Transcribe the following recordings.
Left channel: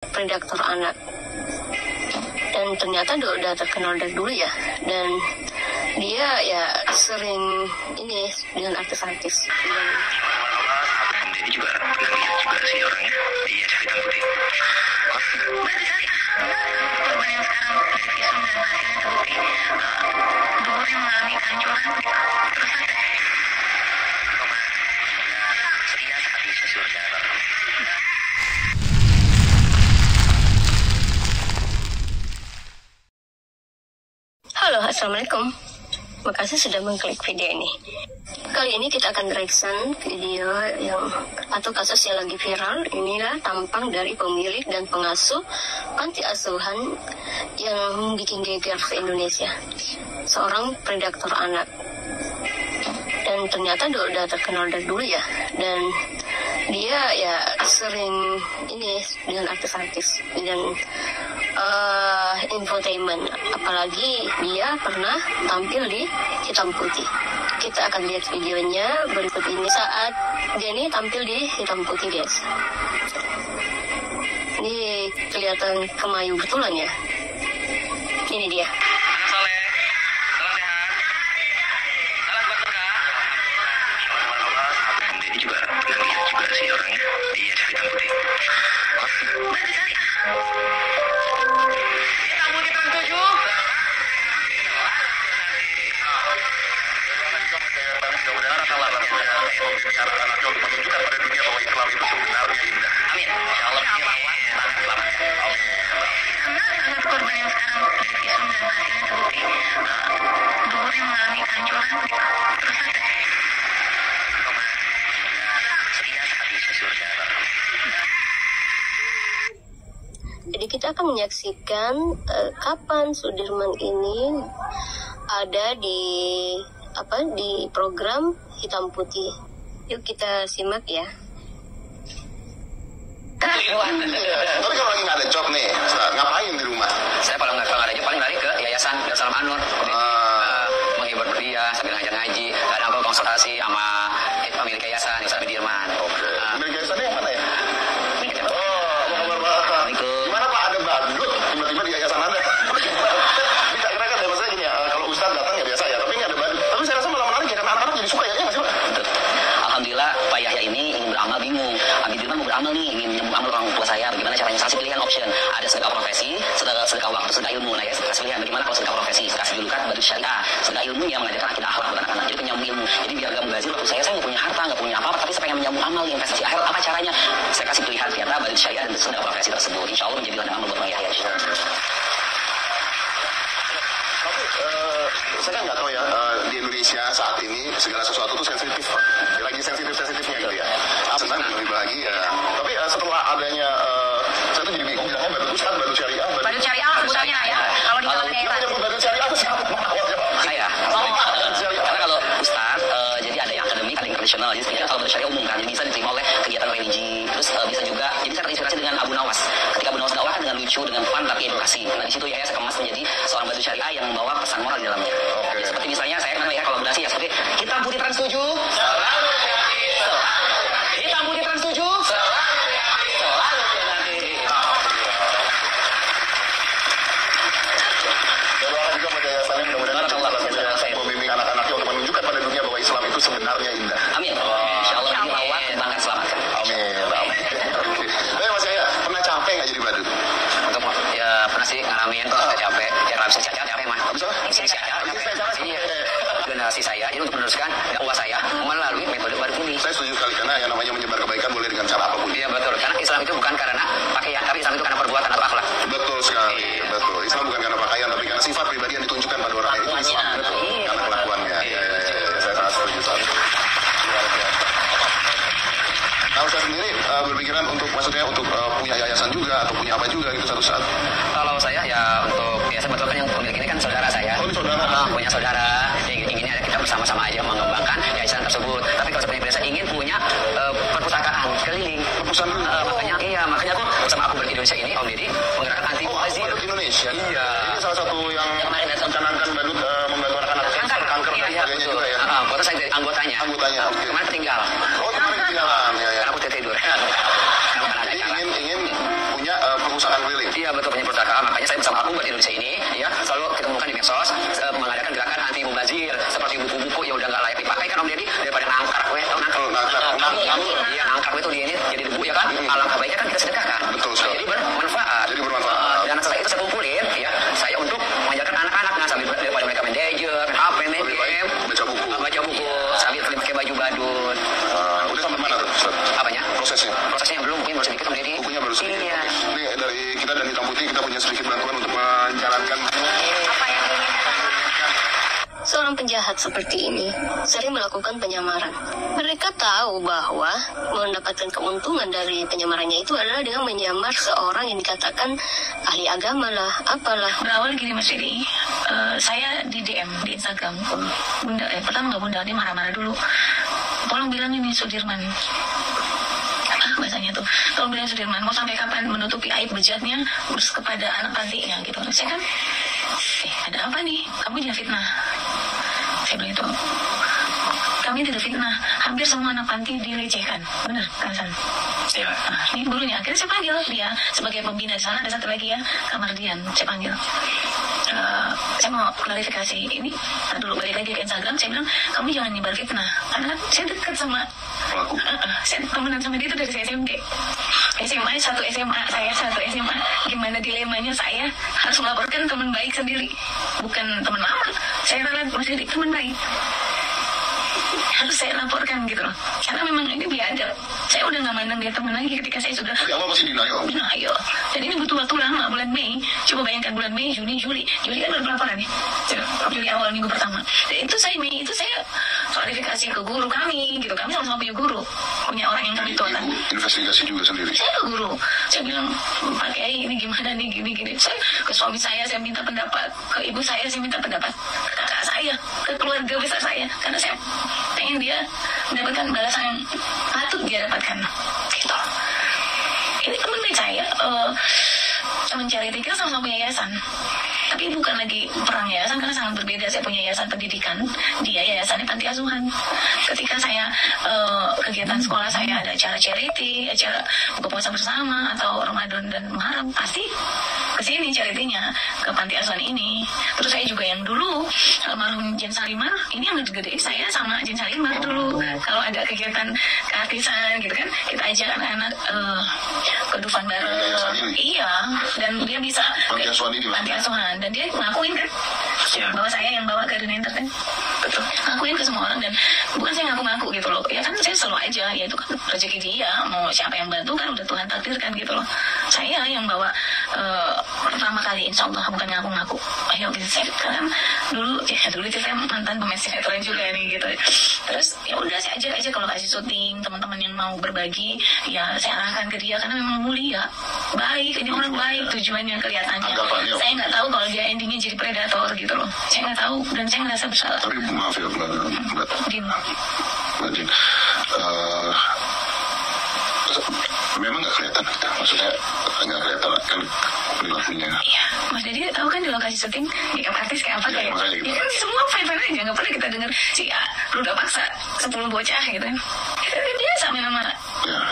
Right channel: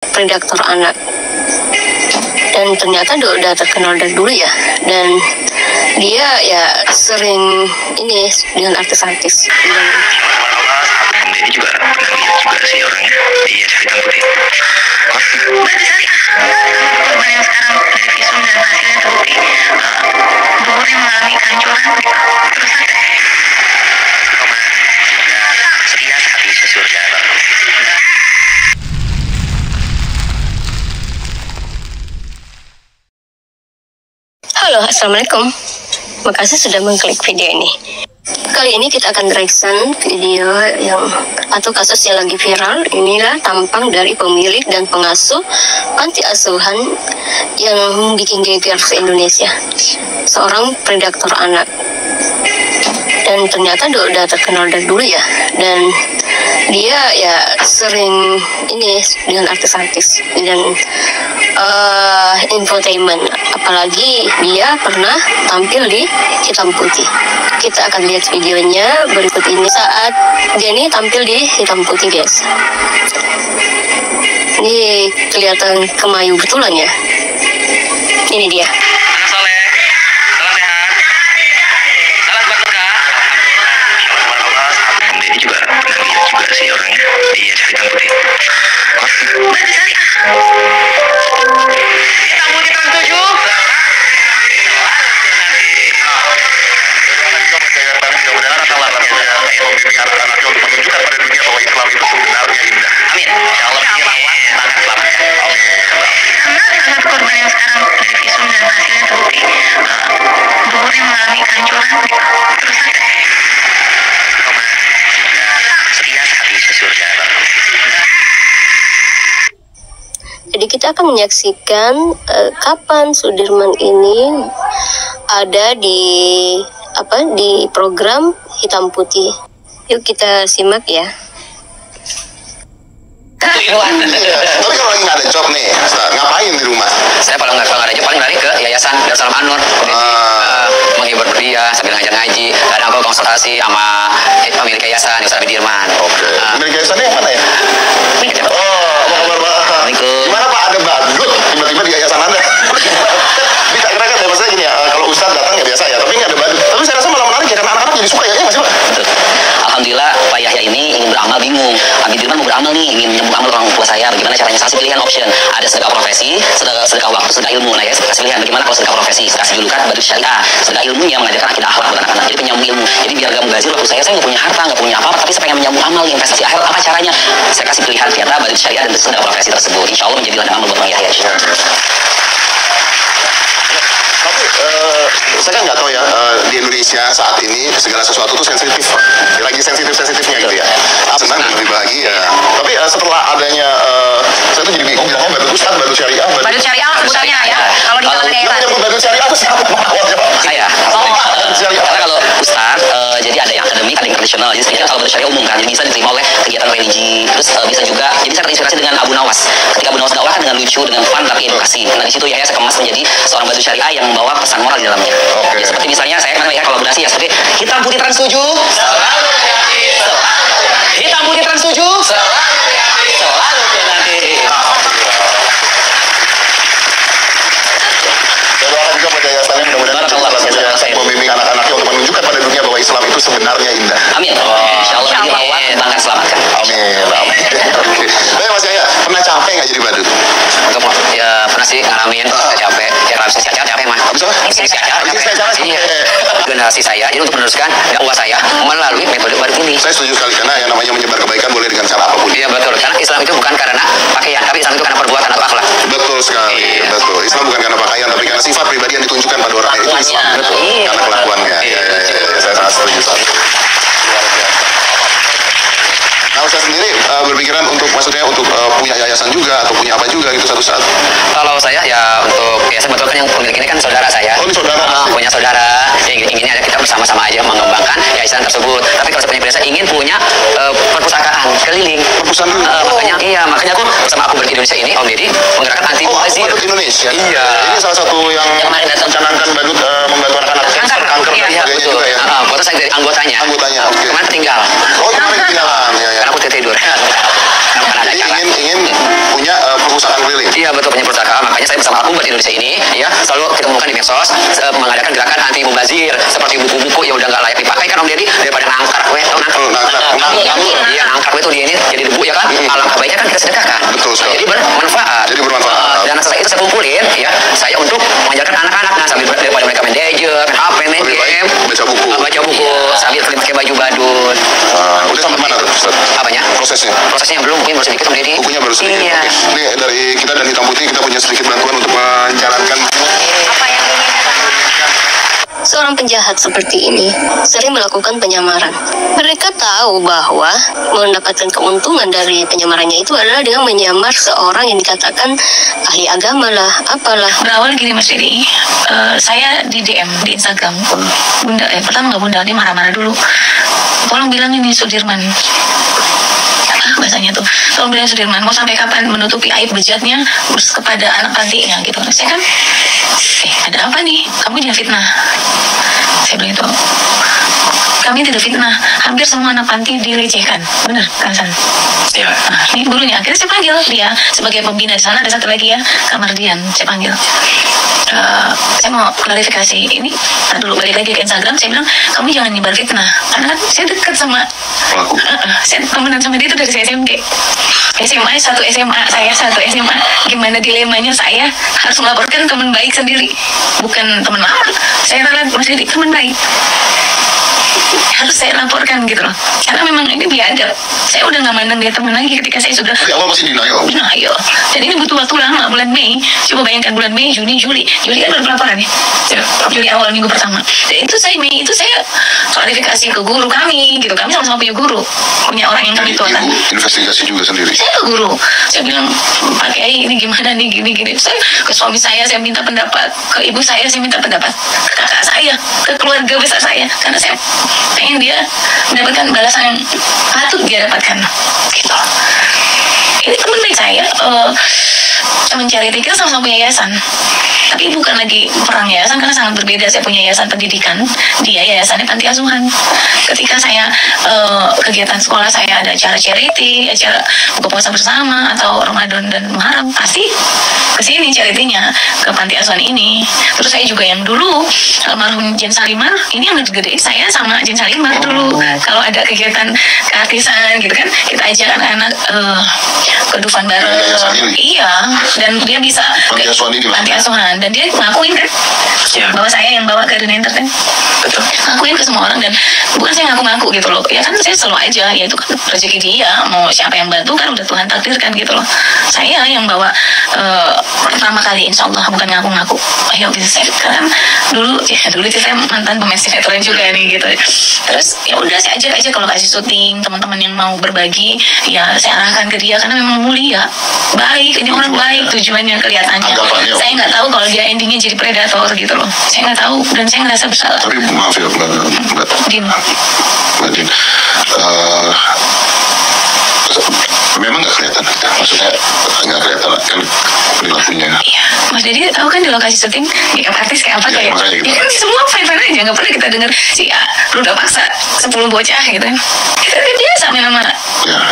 predator anak, dan ternyata udah terkenal dari dulu ya, dan dia ya sering ini dengan artis-artis. Jadi juga pernah lihat juga sih orangnya. Iya, cerita putih. Berarti korban yang sekarang dari visum dan hasilnya terbukti buburnya mengalami kehancuran. Terus ada setia hati sesurga. Halo, assalamualaikum. Makasih sudah mengklik video ini. Kali ini kita akan reaction video atau kasus yang lagi viral. Inilah tampang dari pemilik dan pengasuh panti asuhan yang bikin geger se-Indonesia. Seorang predator anak. Dan ternyata udah terkenal dari dulu ya. Dan dia ya sering ini dengan artis-artis dan infotainment. Apalagi dia pernah tampil di Hitam Putih. Kita akan lihat videonya berikut ini saat dia ini tampil di Hitam Putih, guys. Ini kelihatan kemayu betulan ya. Ini dia. Jadi juga pernah lihat juga sih orangnya. Iya, Hitam Putih. Berarti jadi kita akan menyaksikan kapan Sudirman ini ada di program Hitam Putih. Yuk kita simak ya. Tapi kalau lagi nggak ada job nih, ngapain di rumah? Saya kalau nggak ada job paling lari ke Yayasan Darussalam An-Nur, menghibur dia sambil ngajar ngaji. Kadang aku konsultasi sama pemilik yayasan Ustaz Bidirman. Oke. Pemilik yayasannya yang mana ya? Gimana Pak, ada badut tiba-tiba di yayasan Anda? Bisa kira-kira ya, maksudnya gini ya, kalau Ustaz datang ya biasa ya, tapi nggak ada badut. Tapi saya rasa malah menarik ya, karena anak-anak jadi suka ya, nggak sih Pak? Betul. Alhamdulillah Pak Yahya ini ingin beramal bingung. Pak Bidirman mau beramal nih, ingin menyembuh amal orang tua saya. Bagaimana caranya? Saya kasih pilihan option. Ada sedekah profesi, sedekah waktu, sedekah ilmu. Nah ya, saya kasih pilihan. Bagaimana kalau sedekah profesi? Saya kasih julukan badut syariah. Sedekah ilmu yang mengajarkan akidah akhlak buat anak-anak. Jadi penyambung ilmu. Jadi biar gak mubazir waktu saya nggak punya harta, nggak punya apa-apa, tapi saya pengen menyambung amal, investasi akhirat. Apa caranya? Saya kasih pilihan ternyata badut syariah dan sedekah profesi tersebut. Insya Allah menjadi ladang amal buat Bang Yahya. Tapi saya kan nggak tahu ya, di Indonesia saat ini segala sesuatu tuh sensitif, lagi sensitifnya gitu ya. Senang lebih bahagia. Tapi setelah adanya, saya tuh jadi bingung bilangnya badut Ustaz, badut syariah, badut syariah sebutannya ya. Kalau di kalangan daerah. Yang badut syariah itu siapa awalnya Pak? Saya. Karena kalau Ustaz, jadi ada yang akademik, ada yang tradisional. Jadi sebenarnya kalau badut syariah umum kan, jadi bisa diterima oleh kegiatan religi. Terus bisa juga, jadi saya terinspirasi dengan Abu Nawas. Ketika Abu Nawas dakwah kan dengan lucu, dengan fun tapi edukasi. Nah di situ ya saya kemas menjadi seorang badut syariah yang membawa pesan moral di dalamnya. Okay. Ya, seperti misalnya saya kan ya kolaborasi ya seperti Hitam Putih Trans 7 selalu kreatif, Hitam Putih Trans 7 selalu kreatif, selalu kreatif. Saya doakan juga pada yayasannya mudah-mudahan membimbing anak-anaknya untuk menunjukkan pada dunia bahwa Islam itu sebenarnya indah. Amin. Insya Allah ini lewat bangga selamatkan. Amin. Oke. Tapi Mas Yahya, pernah capek nggak jadi badut? Ya pernah sih ngalamin capek. Ya bisa capek mah. Bisa capek. Iya. Generasi saya, jadi untuk meneruskan dakwah saya melalui metode baru ini. Saya setuju sekali karena yang namanya menyebar kebaikan boleh dengan cara apapun. Iya betul. Karena Islam itu bukan karena pakaian, tapi Islam itu karena perbuatan atau akhlak. Betul sekali. Iya. Betul. Islam bukan karena pakaian, tapi karena sifat pribadi yang ditunjukkan pada orang itu Islam. Betul. Karena kelakuannya. Iya. Saya sangat setuju sekali. Nah, saya sendiri berpikiran untuk maksudnya untuk punya yayasan juga atau punya apa juga gitu satu saat. Kalau saya ya untuk ya sebetulnya yang pemilik ini kan saudara saya. Oh, ini saudara. Punya saudara. Ya inginnya ada kita bersama-sama aja mengembangkan yayasan tersebut. Tapi kalau seperti biasa ingin punya perpustakaan keliling. Perpustakaan. Makanya aku bersama aku Badut Indonesia ini Om Deddy menggerakkan anti mubazir. Badut Indonesia. Iya. Ini salah satu yang mencanangkan badut membantu anak-anak kanker dan sebagainya juga ya. Foto saya dari anggotanya. Oke. Kemarin tinggal. Oh, kemarin ketinggalan. Ya. Karena aku tidur. Jadi ingin punya Iya betul, penyiar pustaka. Makanya saya bersama Umat Indonesia ini ya selalu kita temukan di medsos mengadakan gerakan anti mubazir seperti buku-buku yang udah nggak layak dipakai kan Om Deddy, daripada nangkar nangkar itu dia ini jadi debu ya kan. Alangkah baiknya kan kita sedekahkan. Betul sekali. Jadi bermanfaat. Dan setelah itu saya kumpulin ya, saya untuk mengajarkan anak-anak sambil daripada mereka main gadget, main HP, main game, baca buku sambil pakai baju badut. Udah sampai mana tuh Ustaz? Apanya? Prosesnya belum, mungkin baru sedikit Om Deddy. Bukunya baru sedikit. Iya. Oke. Ini dari kita dan Hitam Putih kita punya sedikit bantuan untuk menjalankan Apa yang ingin Seorang penjahat seperti ini sering melakukan penyamaran. Mereka tahu bahwa mendapatkan keuntungan dari penyamarannya itu adalah dengan menyamar seorang yang dikatakan ahli agama lah, apalah. Berawal gini Mas Deddy, saya di DM di Instagram, Bunda, pertama nggak Bunda, dia marah-marah dulu. Tolong bilang ini Sudirman. Bahasanya tuh, tolong bilang Sudirman, mau sampai kapan menutupi aib bejatnya kepada anak pantinya gitu. Saya kan, ada apa nih? Kamu jangan fitnah. Saya bilang itu, kami tidak fitnah. Hampir semua anak panti dilecehkan, benar kan San? Iya. Nah, ini gurunya. Akhirnya saya panggil dia sebagai pembina di sana. Ada satu lagi ya, Kak Mardian. Saya panggil. Saya mau klarifikasi ini. Dulu balik lagi ke Instagram. Saya bilang, kamu jangan nyebar fitnah. Karena kan saya dekat sama pelaku. Saya temenan sama dia itu dari saya SMK. SMA, satu SMA, saya satu SMA. Gimana dilemanya saya harus melaporkan teman baik sendiri. Bukan teman lama. Saya rela masih teman baik. Harus saya laporkan gitu loh. Karena memang ini biadab. Saya udah gak mandang dia teman lagi ketika saya sudah Tapi awal masih denial. denial. Dan ini butuh waktu lama, bulan Mei. Coba bayangkan bulan Mei, Juni, Juli. Juli kan baru pelaporan ya. Juli awal minggu pertama. Dan itu Mei itu saya klarifikasi ke guru kami gitu. Kami sama-sama punya guru. Punya orang yang kami tuakan. Ibu investigasi juga sendiri. Saya ke guru. Saya bilang, Pak Kiai ini gimana nih, gini-gini. Saya ke suami saya minta pendapat. Ke ibu saya minta pendapat. Ke kakak saya, ke keluarga besar saya. Karena saya pengen dia mendapatkan balasan yang patut dia dapatkan gitu. Ini teman baik saya mencari tiket sama-sama punya yayasan, tapi bukan lagi perang yayasan karena sangat berbeda. Saya punya yayasan pendidikan, dia yayasannya panti asuhan. Ketika saya kegiatan sekolah saya ada acara charity, acara buka puasa bersama atau Ramadan dan Muharram, pasti kesini charity-nya ke panti asuhan ini. Terus saya juga yang dulu almarhum Jen Salimar, ini yang gede saya sama Jen Salimar dulu. Kalau ada kegiatan keartisan gitu kan, kita ajak anak-anak ke Dufan bareng. Iya, dan dia bisa panti asuhan dan dia ngakuin kan bahwa saya yang bawa ke dunia entertain. Betul. Ngakuin ke semua orang dan bukan saya ngaku-ngaku gitu loh. Ya kan saya selalu aja, ya itu kan rezeki dia. Mau siapa yang bantu kan udah Tuhan takdirkan gitu loh. Saya yang bawa pertama kali insya Allah, bukan ngaku-ngaku. Ayo bisa saya kan dulu itu saya mantan pemain sinetron juga nih gitu. Terus ya udah saya ajak aja kalau kasih syuting teman-teman yang mau berbagi ya saya arahkan ke dia karena memang mulia, baik, ini orang baik tujuannya kelihatannya. Saya nggak tahu kalau dia endingnya jadi predator gitu loh. Saya nggak tahu dan saya ngerasa bersalah. Tapi maaf ya Mbak Din. Memang nggak kelihatan kita, maksudnya nggak kelihatan kan perilakunya. Iya, Mas Deddy tahu kan di lokasi syuting makeup artis kayak apa kayak? Ya kan semua fine-fine aja, nggak pernah kita dengar si lu udah paksa 10 bocah gitu kan? Kita kan biasa main sama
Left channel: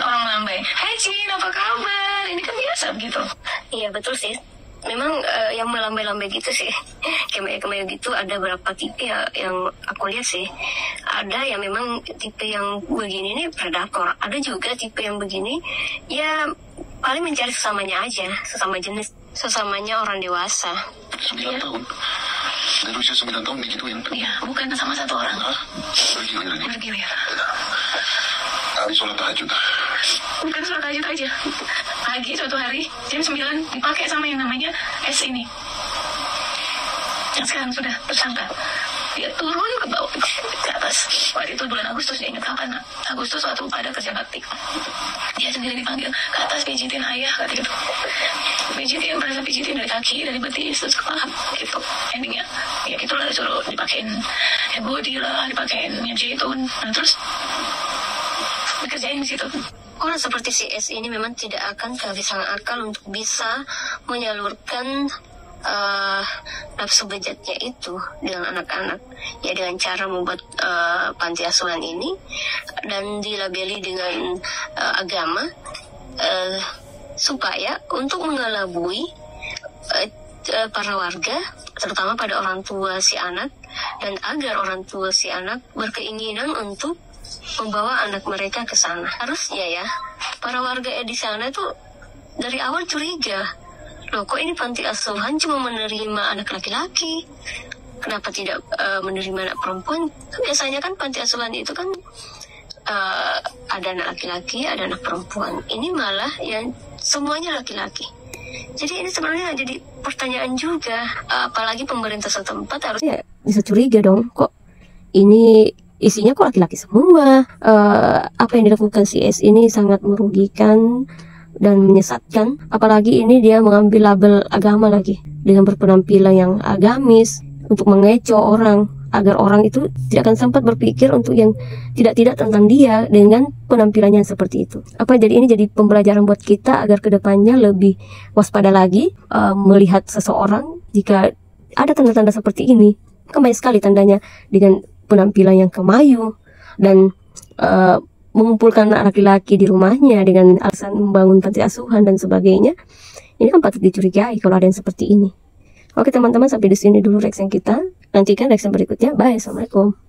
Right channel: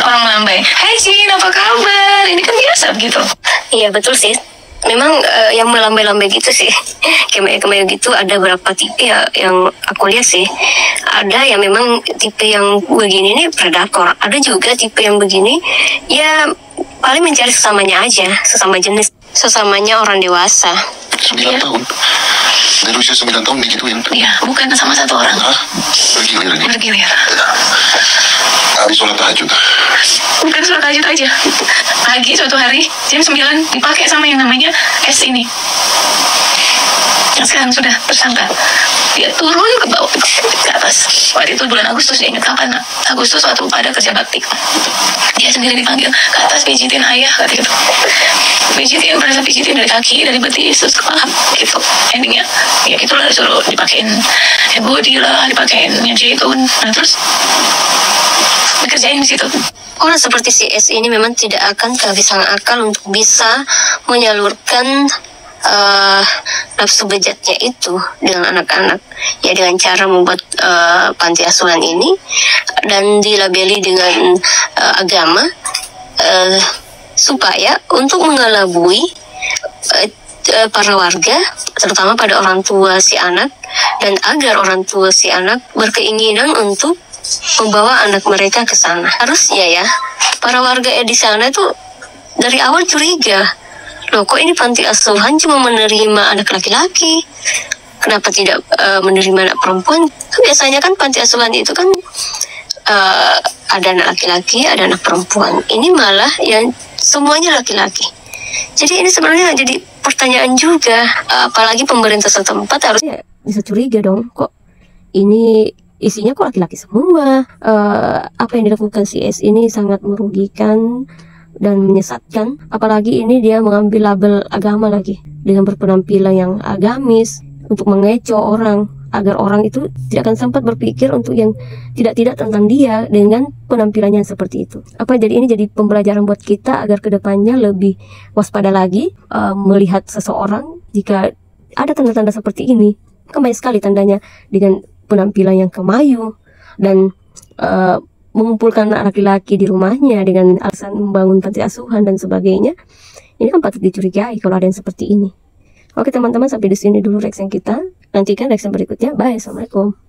orang melambai. Hai Cin, apa kabar? Ini kan biasa begitu. Iya betul sih. Memang yang melambai-lambai gitu sih, kemaya-kemaya gitu ada berapa tipe ya yang aku lihat sih. Ada yang memang tipe yang begini nih predator, ada juga tipe yang begini ya paling mencari sesamanya aja, sesama jenis, sesamanya orang dewasa. 9 tahun dari usia 9 tahun digituin. Iya, bukan sama satu orang. Hah? Bergilir ini. Bergilir. Habis sholat tahajud. Bukan sholat tahajud aja. Pagi suatu hari jam 9 dipakai sama yang namanya S ini. Yang sekarang sudah tersangka. Dia turun ke bawah, ke atas. Waktu itu bulan Agustus, dia ingat kapan? Agustus waktu pada kerja bakti. Dia sendiri dipanggil ke atas, pijitin ayah, kata gitu. Pijitin, merasa pijitin dari kaki, dari betis, terus ke paha, gitu. Endingnya, ya gitulah disuruh dipakein body lah, dipakein yang jahitun. Nah terus dikerjain di situ. Orang seperti si S ini memang tidak akan kehabisan akal untuk bisa menyalurkan nafsu bejatnya itu dengan anak-anak ya dengan cara membuat panti asuhan ini dan dilabeli dengan agama. supaya untuk mengelabui para warga, terutama pada orang tua si anak, dan agar orang tua si anak berkeinginan untuk membawa anak mereka ke sana. Harusnya ya, para warga di sana itu dari awal curiga, loh kok ini panti asuhan cuma menerima anak laki-laki, kenapa tidak menerima anak perempuan? Biasanya kan panti asuhan itu kan ada anak laki-laki, ada anak perempuan. Ini malah yang semuanya laki-laki. Jadi ini sebenarnya jadi pertanyaan juga, apalagi pemerintah setempat harusnya bisa curiga dong, kok ini isinya kok laki-laki semua. Apa yang dilakukan si S ini sangat merugikan dan menyesatkan, apalagi ini dia mengambil label agama lagi dengan berpenampilan yang agamis untuk mengecoh orang, agar orang itu tidak akan sempat berpikir untuk yang tidak-tidak tentang dia dengan penampilannya seperti itu. Jadi ini jadi pembelajaran buat kita agar kedepannya lebih waspada lagi melihat seseorang jika ada tanda-tanda seperti ini. Kan banyak sekali tandanya dengan penampilan yang kemayu dan mengumpulkan anak laki-laki di rumahnya dengan alasan membangun panti asuhan dan sebagainya. Ini kan patut dicurigai kalau ada yang seperti ini. Oke teman-teman, sampai di sini dulu reaction kita. Nantikan reaction berikutnya. Bye, assalamualaikum.